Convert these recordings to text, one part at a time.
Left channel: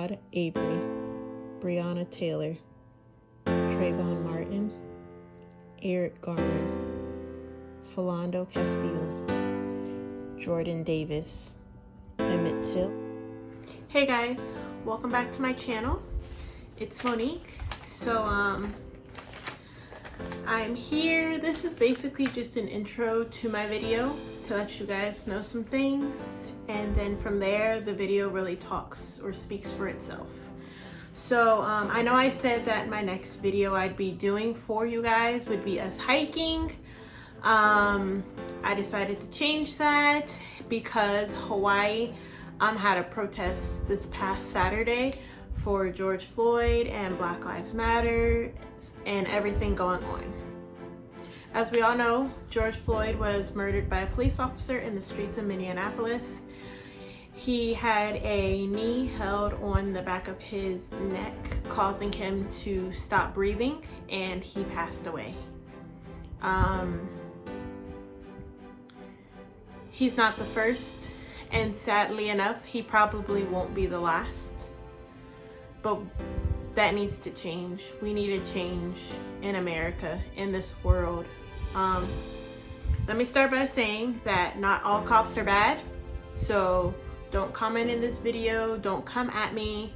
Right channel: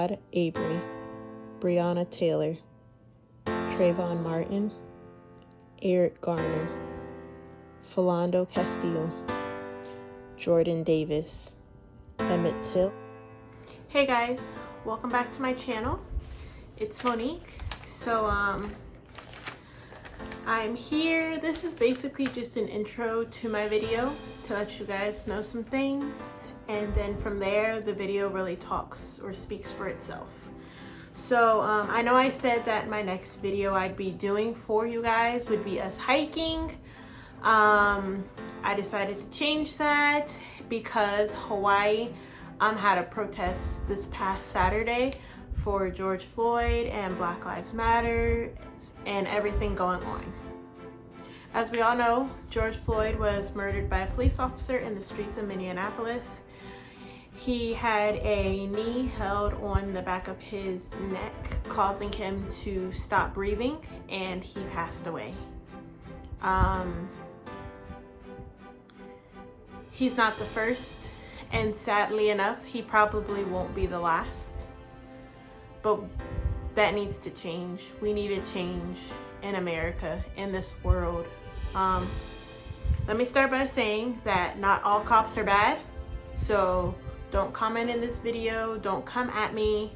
Ahmaud Arbery, Breonna Taylor, Trayvon Martin, Eric Garner, Philando Castile, Jordan Davis, Emmett Till. Hey guys, welcome back to my channel. It's Monique. So I'm here. This is basically just an intro to my video to let you guys know some things, and then from there the video really talks or speaks for itself. So I know I said that my next video I'd be doing for you guys would be us hiking. I decided to change that because Hawaii had a protest this past Saturday for George Floyd and Black Lives Matter and everything going on. As we all know, George Floyd was murdered by a police officer in the streets of Minneapolis. He had a knee held on the back of his neck, causing him to stop breathing, and he passed away. He's not the first, and sadly enough, he probably won't be the last. But that needs to change. We need a change in America, in this world. Let me start by saying that not all cops are bad. So don't comment in this video. Don't come at me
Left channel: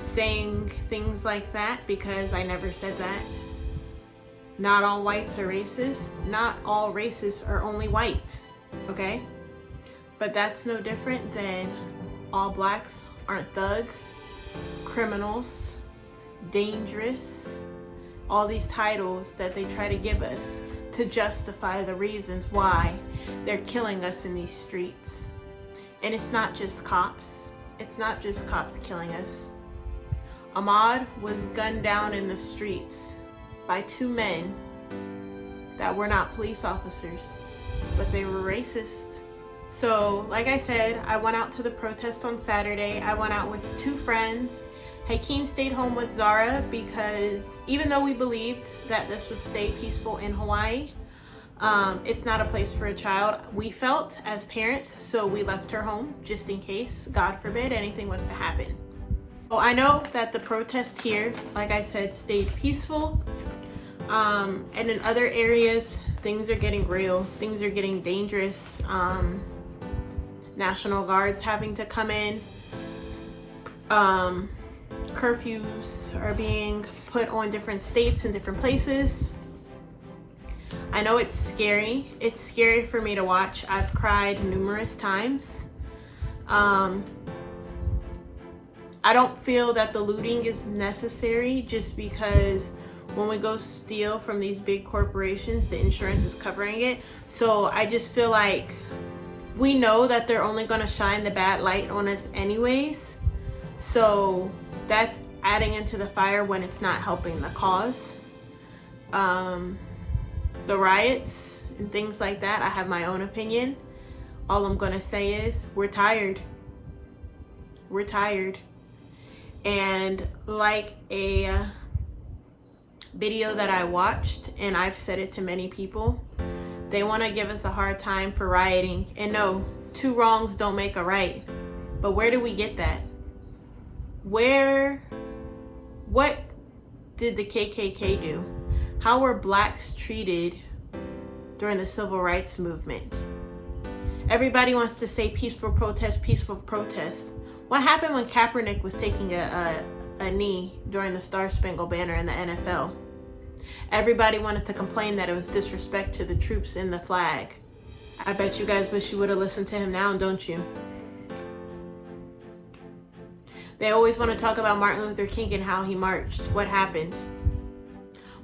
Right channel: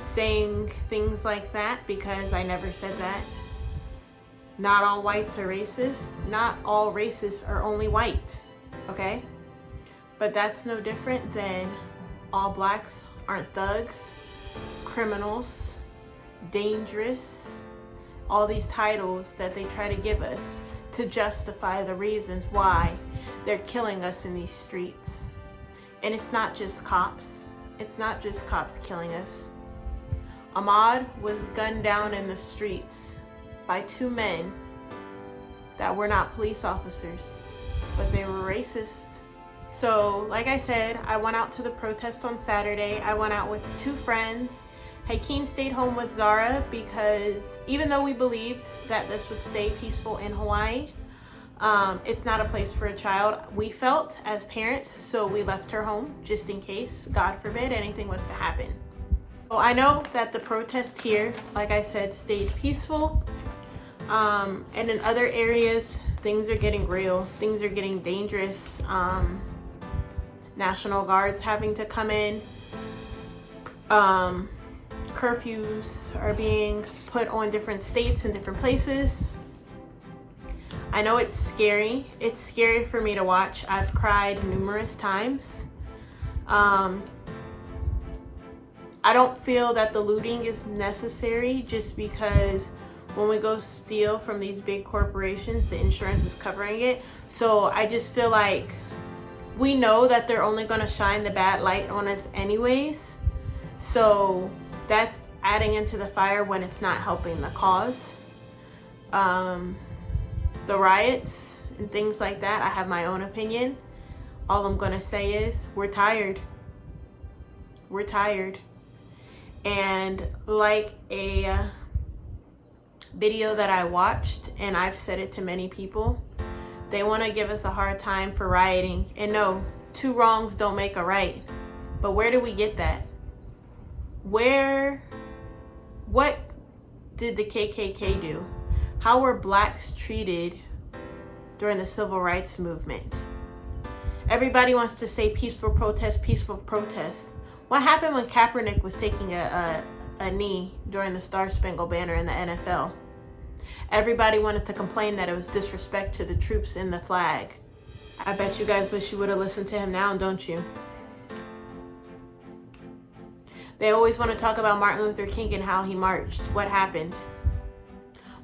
saying things like that, because I never said that. Not all whites are racist. Not all racists are only white, okay? But that's no different than all blacks aren't thugs, criminals, dangerous, all these titles that they try to give us to justify the reasons why they're killing us in these streets. And it's not just cops. It's not just cops killing us. Ahmaud was gunned down in the streets by two men that were not police officers, but they were racist. So, like I said, I went out to the protest on Saturday. I went out with two friends. Hakeem stayed home with Zara because even though we believed that this would stay peaceful in Hawaii, it's not a place for a child, we felt as parents, so we left her home just in case, God forbid, anything was to happen. So I know that the protest here, like I said, stayed peaceful. And in other areas, things are getting real. Things are getting dangerous. National Guards having to come in. Curfews are being put on different states and different places. I know it's scary. It's scary for me to watch. I've cried numerous times. I don't feel that the looting is necessary, just because when we go steal from these big corporations, the insurance is covering it. So I just feel like we know that they're only going to shine the bad light on us anyways. So that's adding into the fire when it's not helping the cause. The riots and things like that, I have my own opinion. All I'm gonna say is we're tired. We're tired. And like a video that I watched, and I've said it to many people, they want to give us a hard time for rioting. And no, two wrongs don't make a right. But where do we get that? What did the KKK do? How were blacks treated during the civil rights movement? Everybody wants to say peaceful protest, peaceful protest. What happened when Kaepernick was taking a knee during the Star-Spangled Banner in the NFL? Everybody wanted to complain that it was disrespect to the troops in the flag. I bet you guys wish you would have listened to him now, don't you? They always want to talk about Martin Luther King and how he marched. What happened?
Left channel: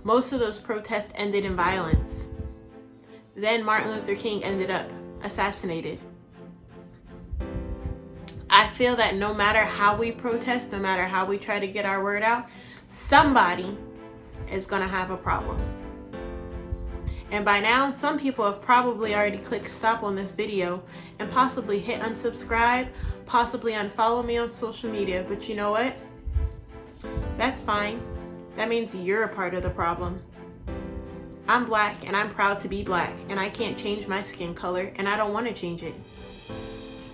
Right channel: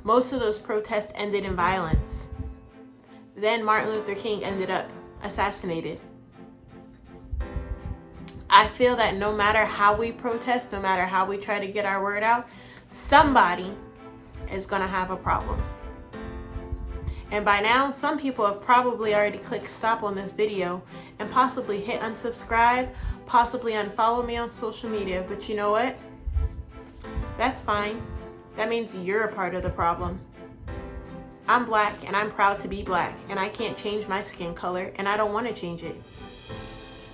Most of those protests ended in violence. Then Martin Luther King ended up assassinated. I feel that no matter how we protest, no matter how we try to get our word out, somebody is going to have a problem. And by now, some people have probably already clicked stop on this video and possibly hit unsubscribe, possibly unfollow me on social media. But you know what? That's fine. That means you're a part of the problem. I'm black and I'm proud to be black, and I can't change my skin color, and I don't want to change it.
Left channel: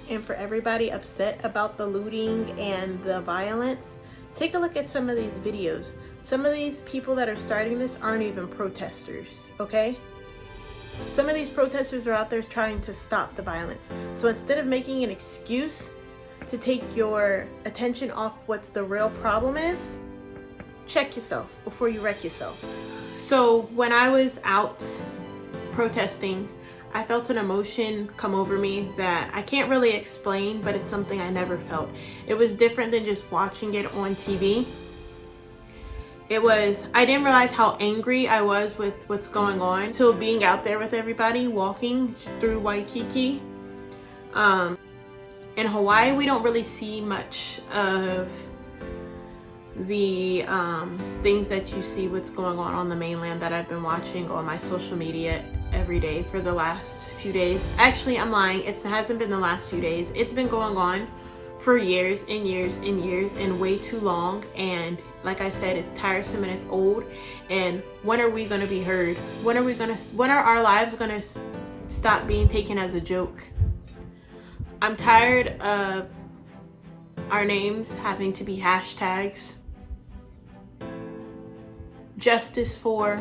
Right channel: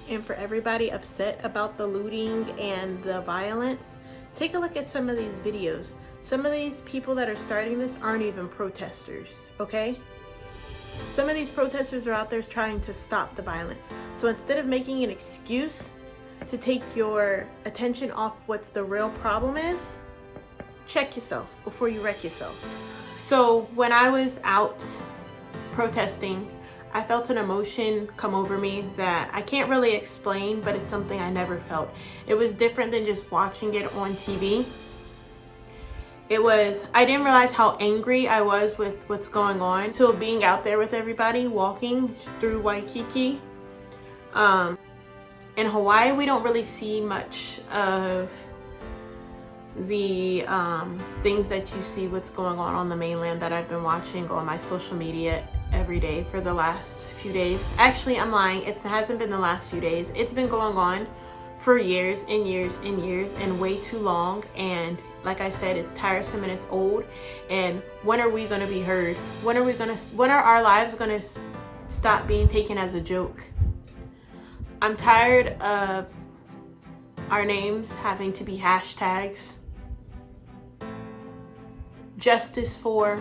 And for everybody upset about the looting and the violence, take a look at some of these videos. Some of these people that are starting this aren't even protesters, okay? Some of these protesters are out there trying to stop the violence. So instead of making an excuse to take your attention off what's the real problem is, check yourself before you wreck yourself. So when I was out protesting, I felt an emotion come over me that I can't really explain, but it's something I never felt. It was different than just watching it on TV. I didn't realize how angry I was with what's going on. So being out there with everybody, walking through Waikiki. In Hawaii, we don't really see much of the things that you see what's going on the mainland that I've been watching on my social media every day for the last few days. Actually, I'm lying. It hasn't been the last few days. It's been going on for years and years and years and way too long. And like I said, it's tiresome and it's old. And when are we going to be heard? When are our lives going to stop being taken as a joke? I'm tired of our names having to be hashtags. Justice for.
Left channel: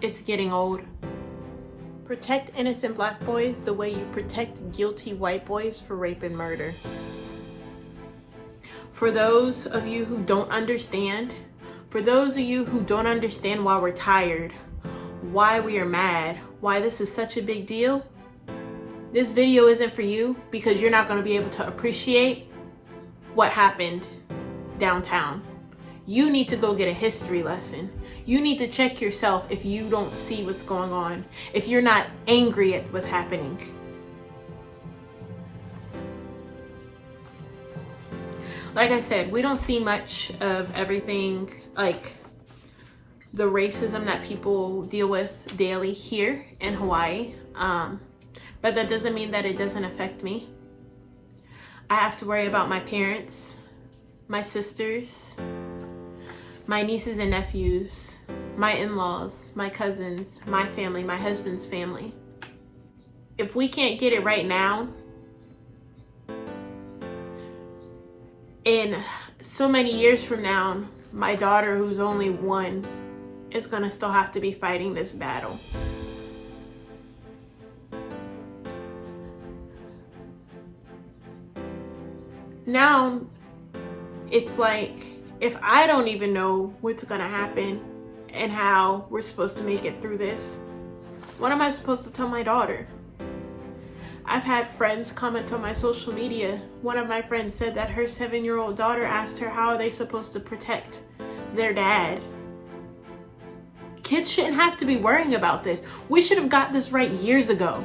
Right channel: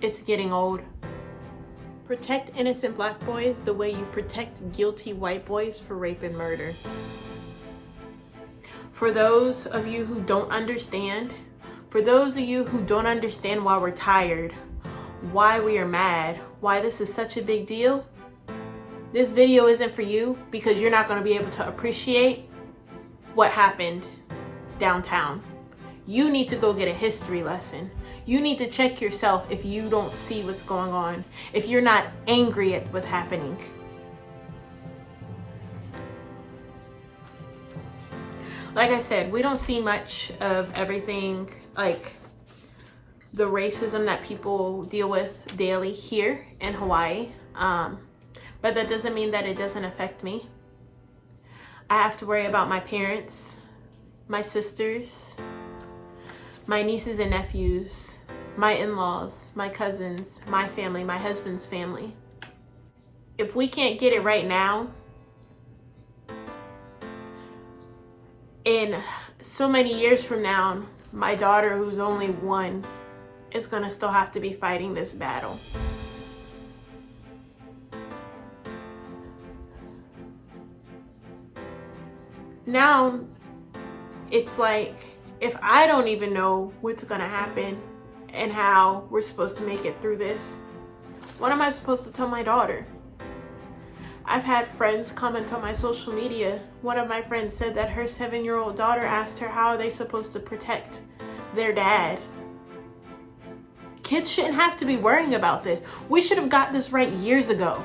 It's getting old. Protect innocent black boys the way you protect guilty white boys for rape and murder. For those of you who don't understand, why we're tired, why we are mad, why this is such a big deal, this video isn't for you, because you're not going to be able to appreciate what happened downtown. You need to go get a history lesson. You need to check yourself if you don't see what's going on, if you're not angry at what's happening. Like I said, we don't see much of everything, like the racism that people deal with daily here in Hawaii. But that doesn't mean that it doesn't affect me. I have to worry about my parents, my sisters, my nieces and nephews, my in-laws, my cousins, my family, my husband's family. If we can't get it right now, in so many years from now, my daughter, who's only 1, is gonna still have to be fighting this battle. Now, it's like, if I don't even know what's gonna happen and how we're supposed to make it through this, what am I supposed to tell my daughter? I've had friends comment on my social media. One of my friends said that her 7-year-old daughter asked her how are they supposed to protect their dad. Kids shouldn't have to be worrying about this. We should have got this right years ago.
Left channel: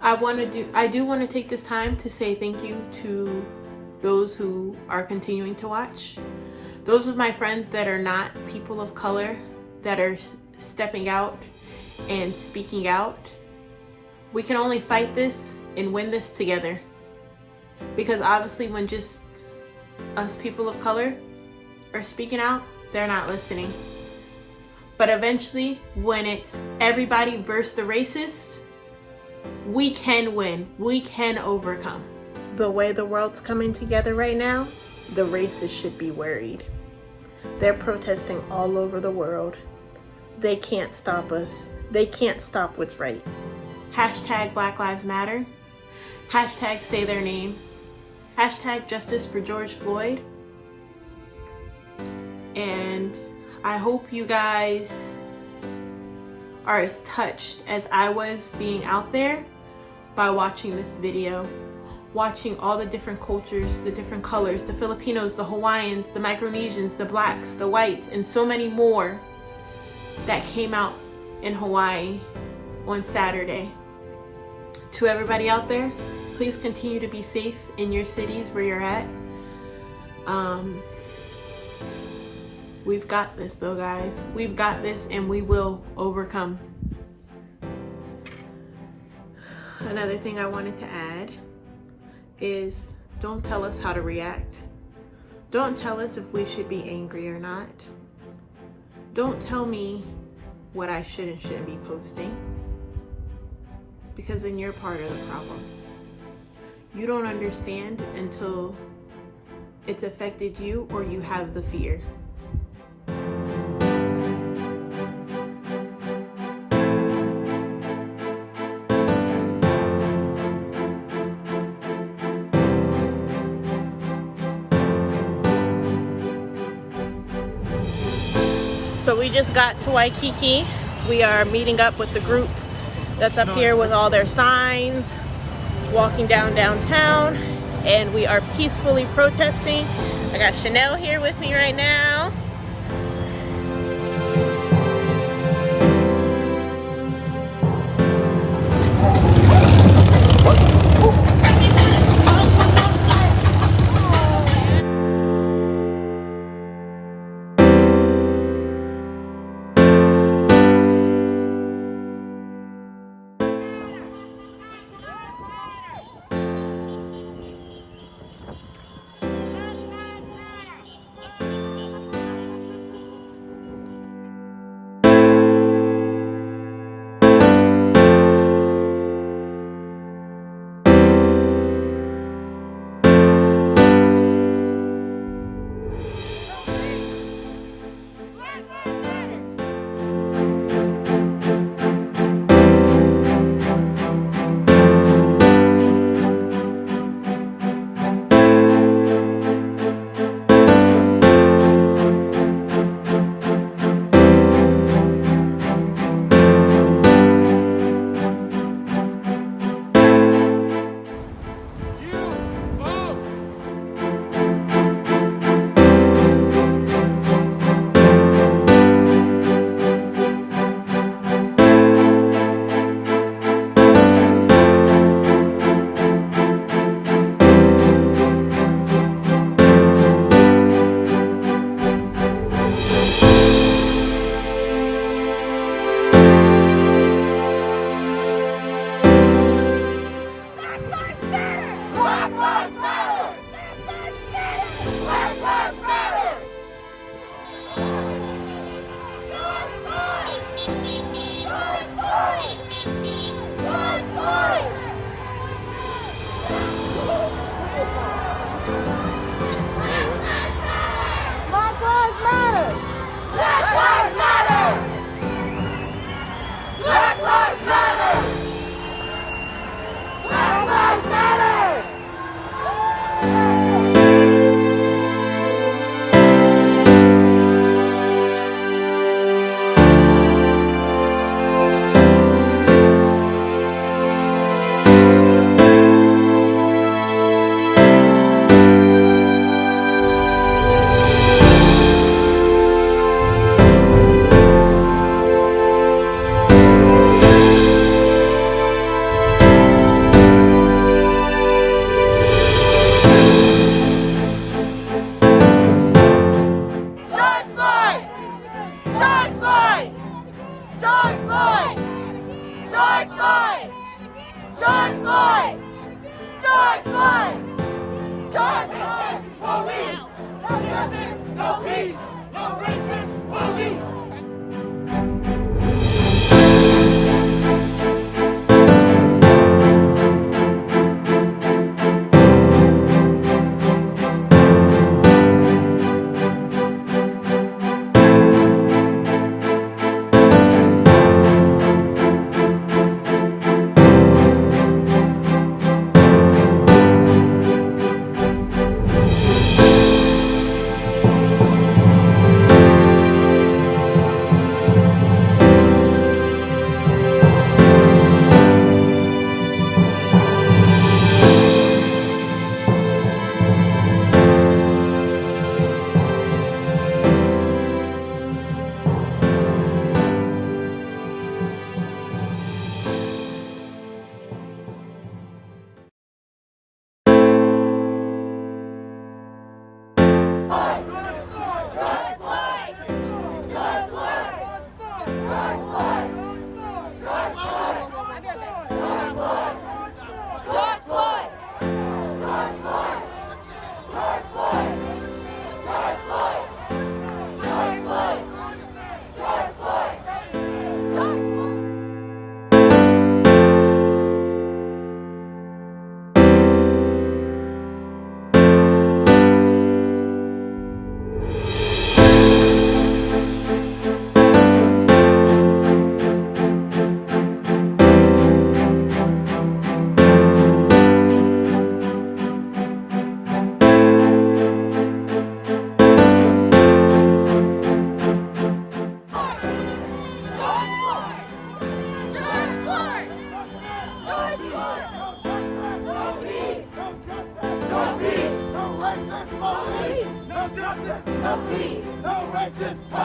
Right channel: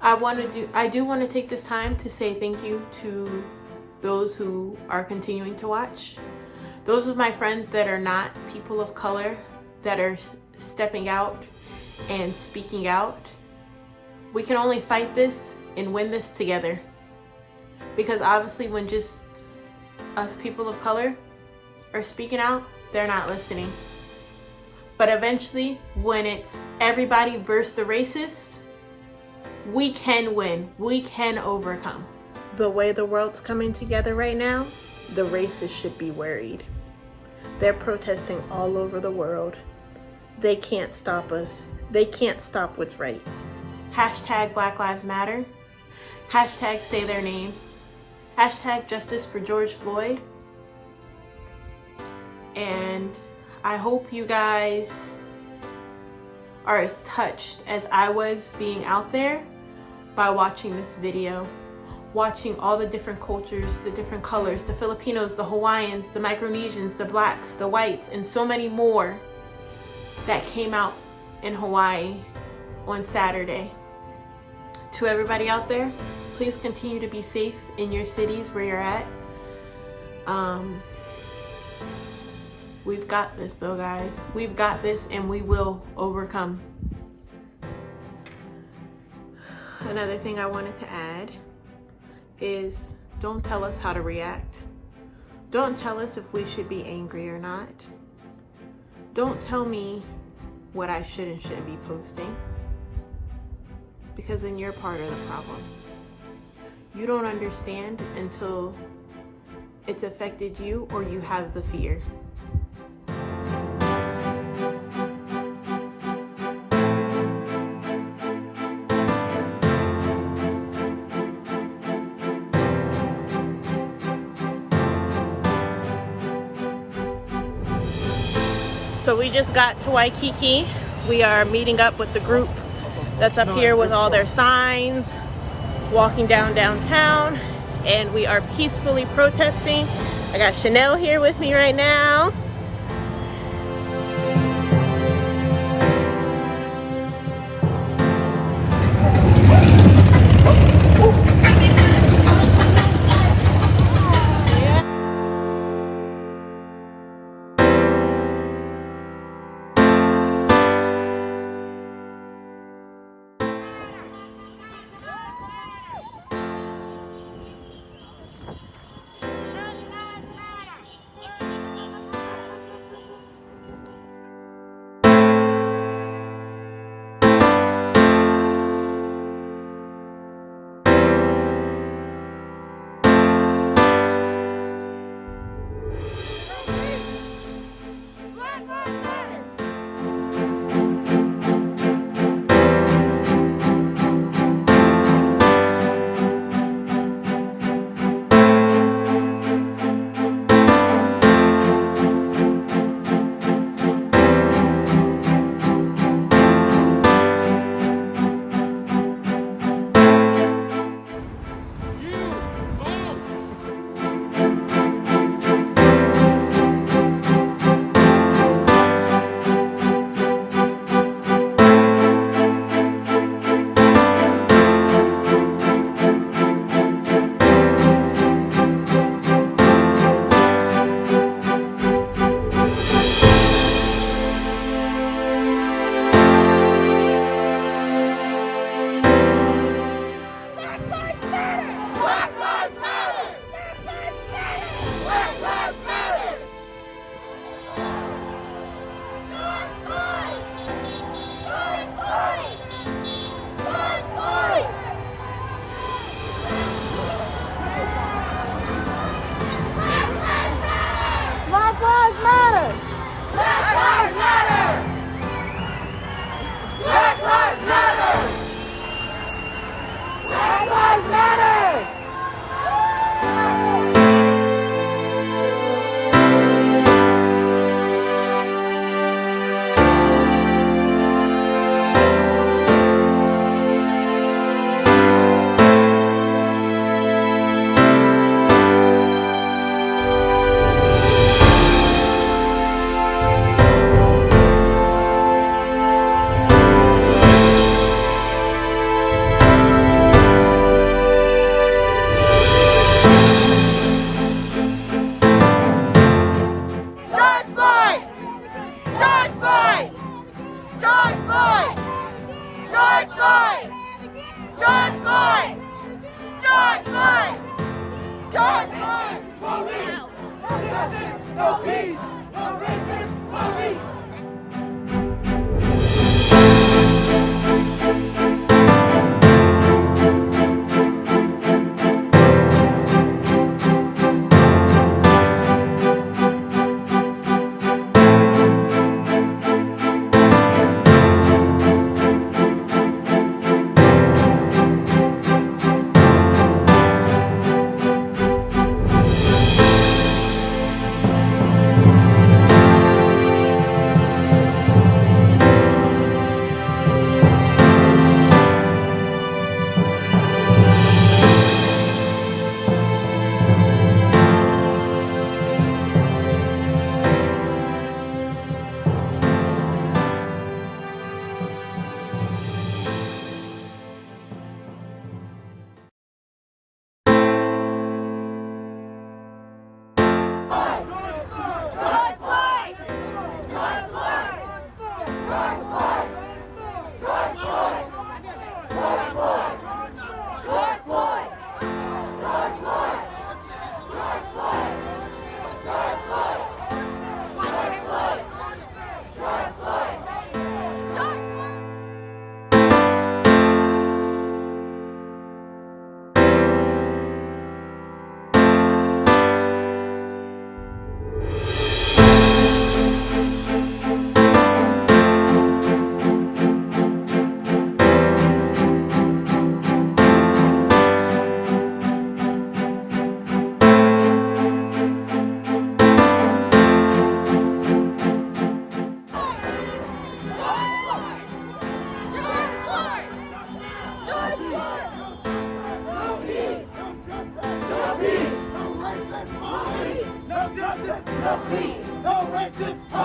I do want to take this time to say thank you to those who are continuing to watch. Those of my friends that are not people of color, that are stepping out and speaking out. We can only fight this and win this together. Because obviously when just us people of color are speaking out, they're not listening. But eventually, when it's everybody versus the racist, we can win. We can overcome. The way the world's coming together right now, the racists should be worried. They're protesting all over the world. They can't stop us. They can't stop what's right. Hashtag Black Lives Matter. Hashtag say their name. Hashtag justice for George Floyd. And I hope you guys are as touched as I was being out there by watching this video. Watching all the different cultures, the different colors, the Filipinos, the Hawaiians, the Micronesians, the blacks, the whites, and so many more that came out in Hawaii on Saturday. To everybody out there, please continue to be safe in your cities where you're at. We've got this though, guys. We've got this and we will overcome. Another thing I wanted to add is don't tell us how to react. Don't tell us if we should be angry or not. Don't tell me what I should and shouldn't be posting. because then you're part of the problem. You don't understand until it's affected you or you have the fear. So we just got to Waikiki. We are meeting up with the group that's up here with all their signs, walking downtown, and we are peacefully protesting. I got Chanel here with me right now.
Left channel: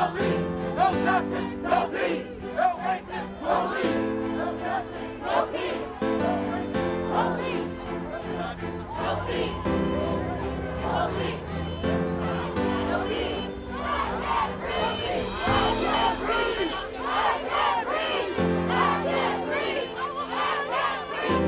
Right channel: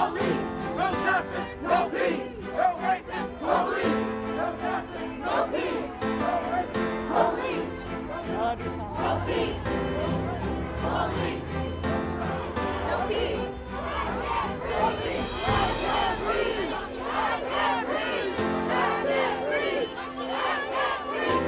police. No justice, no peace. No racist police. No justice, no peace. No racist police. No peace. Police. No peace. I can't breathe. I can't breathe. I can't breathe. I can't breathe. I can't breathe.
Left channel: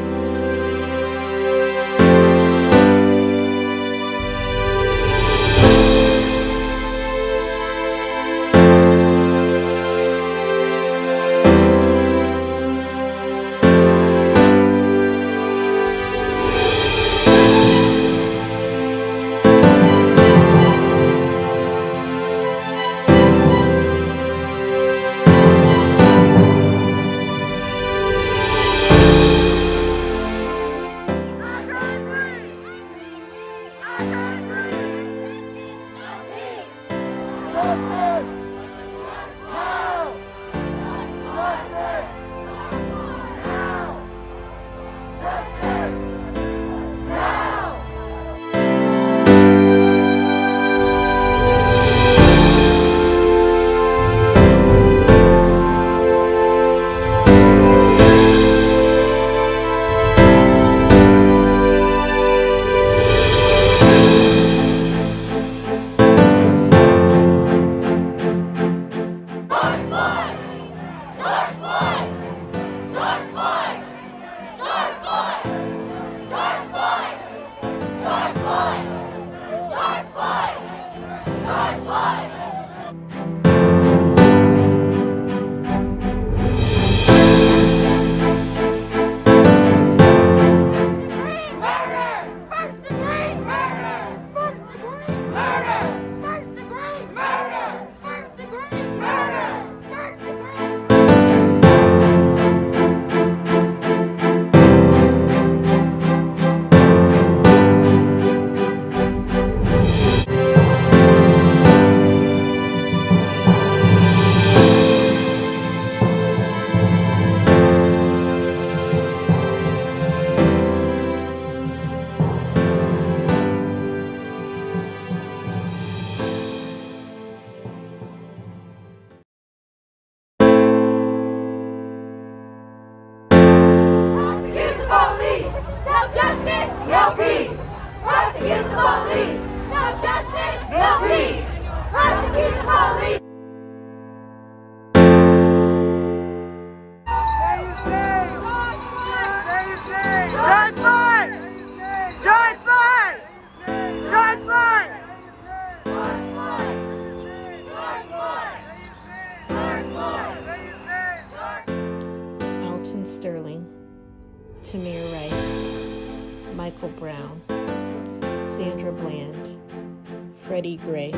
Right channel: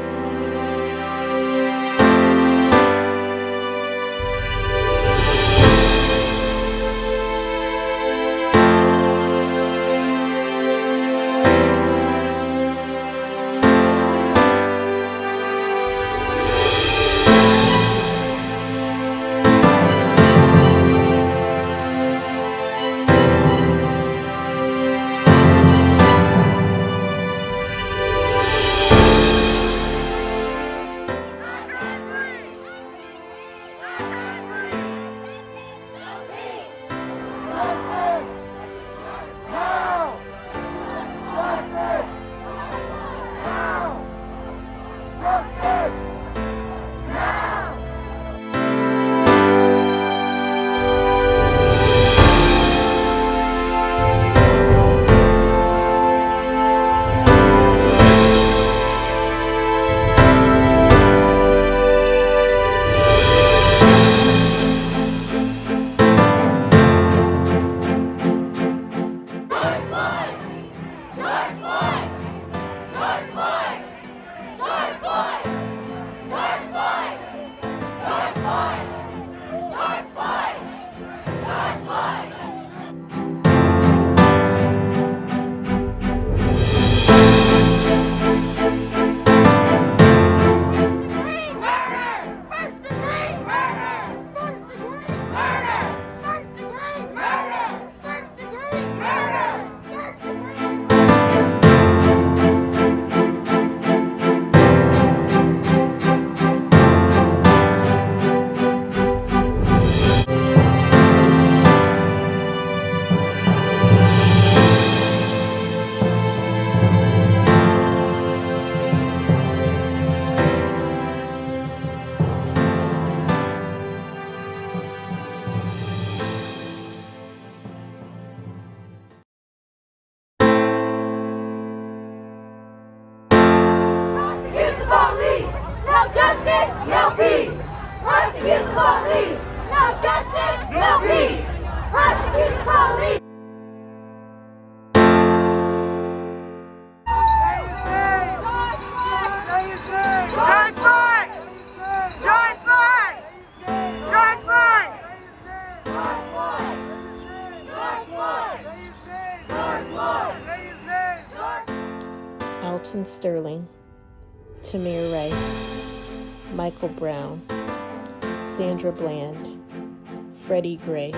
Prosecute the police! No justice, no peace! Prosecute the police! No justice, no peace! Prosecute the police! George Floyd! George Floyd! George Floyd! Alton Sterling, Tamir Rice, Michael Brown, Sandra Bland, Freddie Gray.